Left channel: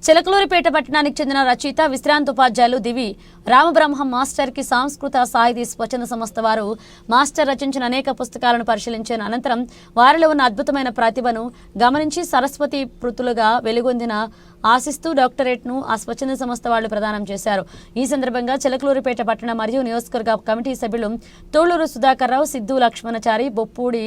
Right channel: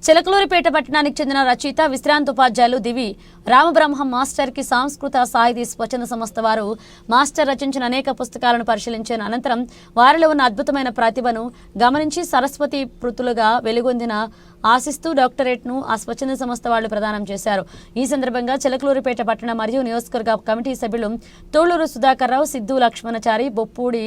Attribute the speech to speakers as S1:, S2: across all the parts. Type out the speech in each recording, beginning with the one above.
S1: చిలకలూరిపేట పట్టణానికి చెందిన రచయిత విశ్రాంత ఉపాధ్యాయులు దివి రామబ్రహ్మ మాస్టర్కి సాంస్కృత సాహితీ స్వచ్ఛంద సంస్థ వారు మాస్టర్ రచించిన అనేక పుస్తకాలను పరిశీలించిన అనంతరం వారిలో ఉన్న అద్భుతమైన ప్రతిభను గమనించి సరస్వతి పృతులుగా వెలుగొందిన ఆశిస్తూ డాక్టరేట్ను ఆ స్వచ్ఛంద సంస్థ వాళ్ళు ప్రదానం చేశారు. ఈ సందర్భంగా చిలకలూరిపేట పట్టణ మరియు నియోజకవర్గ కమిటీ సభ్యులు తోళ్ళూరు సుధాకర్ రావు సిద్ధు లక్ష్మణచారి బొప్పూడి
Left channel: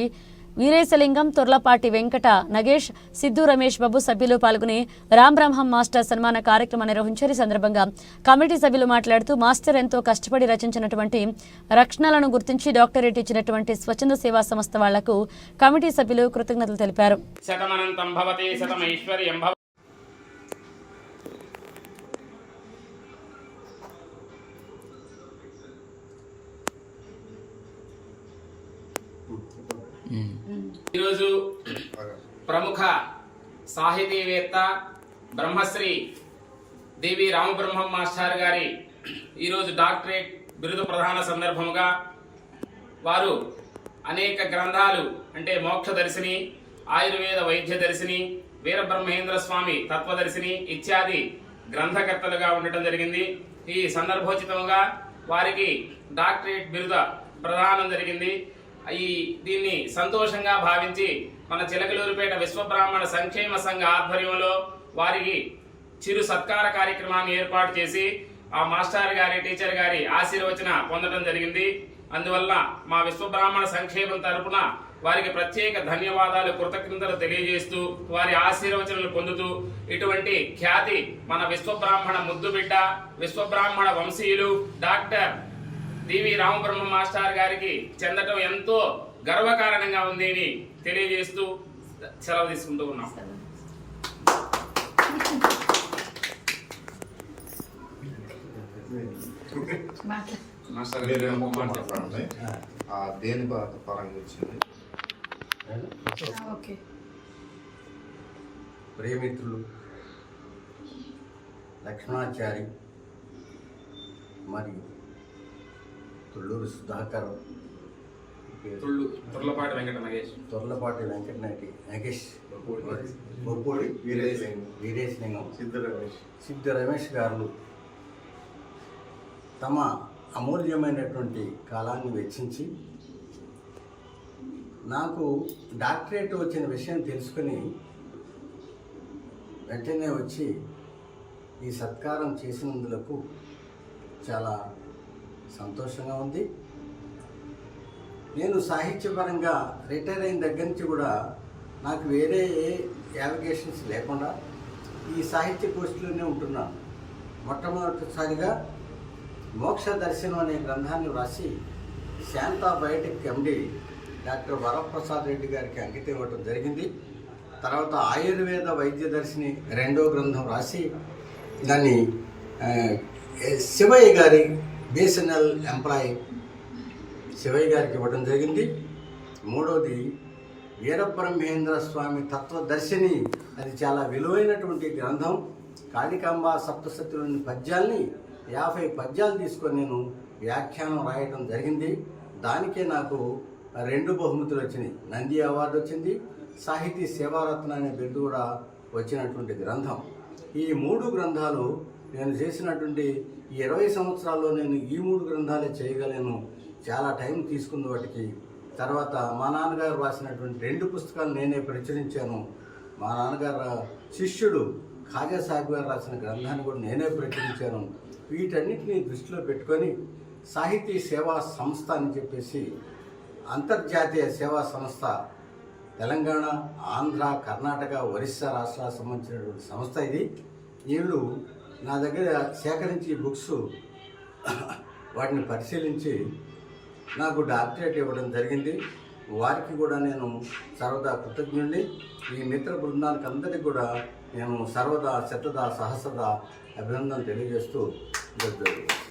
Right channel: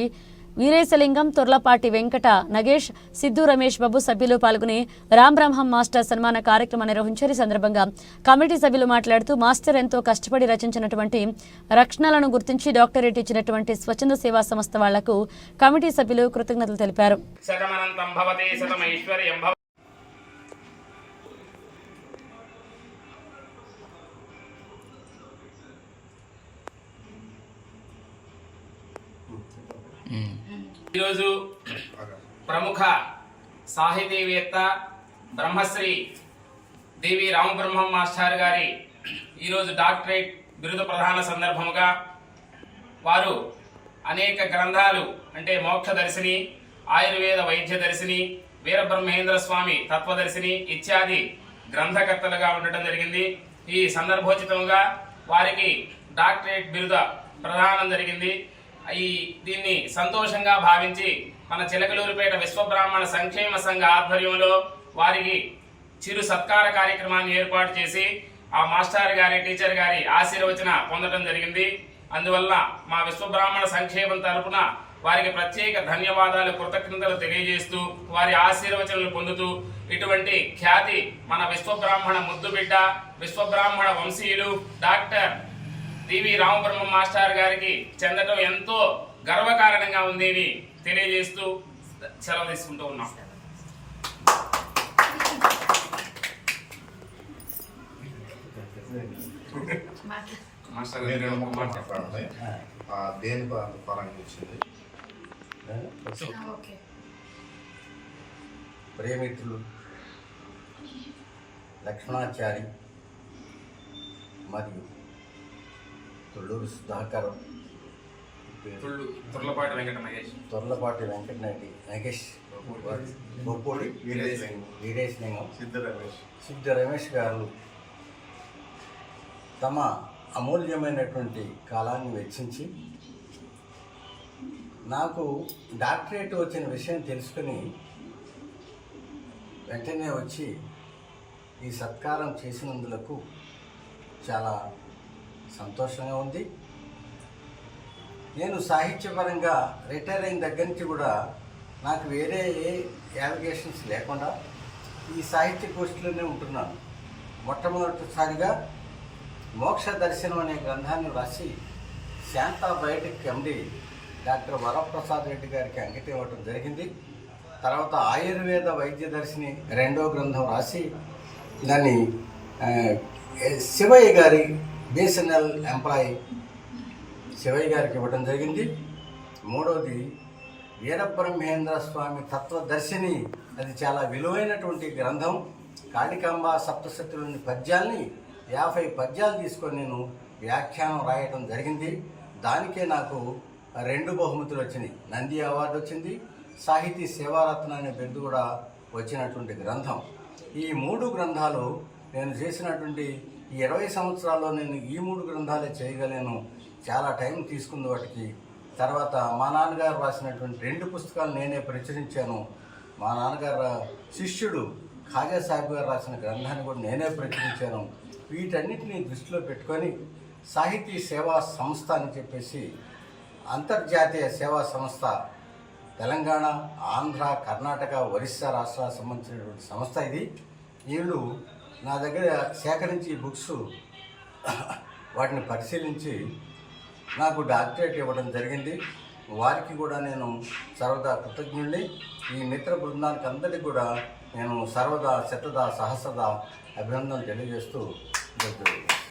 S1: వీరేశలింగం తొర్లపాటి వెంకట నగేష్ సిద్ధు రమేష్ బాబు సభ్యులు పాల్గొని రామ్ బ్రహ్మం మాస్టర్ సన్మాన కార్యక్రమం నిర్వహించారు. ఈ సందర్భంగా కమిటీ సభ్యులు మాట్లాడుతూ మాస్టర్ ఎంతో కష్టపడి రచించినటువంటి రక్షణలను గుర్తించి డాక్టరేట్ ఇచ్చినటువంటి స్వచ్ఛంద సేవా సంస్థ వాళ్ళకు కమిటీ సభ్యులు కృతజ్ఞతలు తెలిపారు.
S2: ఈరోజు ప్రముఖ సాహితీవేత్త బ్రహ్మశ్రీ దేవి రామబ్రహ్మం మాస్టర్ గారి ఈరోజు డాక్టరేట్ బిరుదు ప్రధాన సందర్భముగా వారు అనేక గ్రంథాలు అంటే మోక్షదర్శిని ఆయుర్వేద వైద్య దర్శిని వీరబ్రహ్మేంద్ర స్వామి తత్వదర్శిని ఇత్యాది గ్రంథకర్తలుగా ఉండటం జరిగింది. ఈ సందర్భోచితంగా వారికి డాక్టరేట్ బిరుద ప్రదానం జరిగింది. ఈ దీన్ని సంతోషంగా భావించి మన చిలకలూరుపేట విశ్వబ్రాహ్మణ సంక్షేమ సంఘ ఆధ్వర్యంలో వారికి చిరు సత్కార కార్యక్రమాన్ని ఏర్పాటు చేసి ఆ మాస్టర్ గారి టీచర్ గారి ఆశీర్వచన పొందడం జరిగింది. అందువల్ల మా విశ్వబ్రాహ్మణ సంక్షేమం తరపున వారికి ప్రత్యేక ధన్యవాదాలు కృతజ్ఞతలు తెలియజేస్తూ వారి ఆశీర్వచనలు పొందుతూ ఇటువంటి ఖ్యాతి మన విశ్వబ్రాహ్మణ ముద్దుబిడ్డ విశ్వబ్రాహ్మణ వంశీయులు డాక్టర్ డివి రామబ్రహ్మ మాస్టర్ గారికి చెందటం ఎంతో గర్వకారణంగా ఉంది అని తెలియజేస్తూ సెలవు తీసుకుంటూ ఉన్నాం. మాస్టర్
S3: దేని పరంగా వచ్చింది?
S4: ప్రేమిత్రులు లక్ష్మణాచారి మరియు తుళ్ళూరు సుధాకర్
S2: తుర్లపాటి వెంకట మహేష్.
S4: తొర్లపాటి వెంకటనాటి నగేష్.
S3: బొప్పూడి.
S4: బొప్పూడి
S3: వీరేశలింగం.
S4: వీరేశలింగం
S3: సిద్ధ రమేష్.
S4: సిద్ధ రమేష్ గారు తమ అమూల్యమైనటువంటి కాలాన్ని వెచ్చించి నాకు డాక్టరేట్ వచ్చిన విషయం తెలుసుకుని వెంటనే వచ్చి ఈ సత్కారం చేసినందులకు చాలా సంతోషంగా ఉంది. నేను సాహిత్యపరంగా రిటైర్ అయిన దగ్గర నుంచి కూడా నాకు వేరే ఏ యావిగేషన్స్ లేకుండా ఈ సాహిత్య పోస్టులోనే ఉంటున్నాను. మొట్టమొదటిసారిగా మోక్ష దర్శనం అనే గ్రంథాన్ని వ్రాసి Shantha biotic MD doctor Varaprasad Reddy గారికి అంకితం ఇవ్వటం జరిగింది. తర్వాత ఆయుర్వేద వైద్య దర్శిని రెండో గ్రంథం రాసి దాన్ని శివయ్య గారి బీఎస్ఎన్ఎల్ ఎంప్లాయీ శివయ్య గారికి ఇవ్వడం జరిగింది. మూడవది వీరబ్రహ్మేంద్ర స్వామి తత్వదర్శిని. అది చాలా విలువైనటువంటి గ్రంథం. కాళికాంబ సప్తశతిలోని పద్యాల్ని యాభై పద్యాలు తీసుకొని నేను వ్యాఖ్యానం రాయడం జరిగింది. దానికే నాకు రెండు బహుమతులు వచ్చినాయి. నంది అవార్డు వచ్చింది. సాహితీ సేవారత్న అనే బిరుదు కూడా వచ్చినటువంటి గ్రంథం. ఈ మూడు గ్రంథాలు నేను చేసినటువంటి ఈ ఇరవై సంవత్సరాల్లో నేను ఈ మూడు గ్రంథాలే చేయగలను. చాలా టైం తీసుకుంది వాటికి. తర్వాత మా నాన్నగారు రాసినటువంటి రెండు పుస్తకాలు నేనే ప్రచురించాను. మా నాన్నగారు శిష్యుడు ఖాజా సాహిబ్ గారు రాసిన గ్రంథాన్ని కూడా నేనే ప్రచురించాను. వీటన్నిటిని దృష్టిలో పెట్టుకొని సాహితీ సేవా సంస్థ అని చెప్పేసి అంతర్జాతీయ సేవా సంస్థ తెలంగాణ ఆంధ్ర కర్ణాటక ఒరిస్సా రాష్ట్రాలకు సంబంధించినటువంటి సంస్థ ఇది. వీళ్ళు నా దగ్గర సేకరించి ఈ బుక్స్ వాటిని పరిశీలించి నాకు డాక్టరేట్ ఇవ్వడం జరిగింది. వారికి కూడా నేను సర్వదా కృతజ్ఞుడిని ఈ మిత్ర బృందానికి అందరికీ కూడా నేను సర్వదా శతదా సహస్రదా అభినందనలు తెలియజేస్తూ జై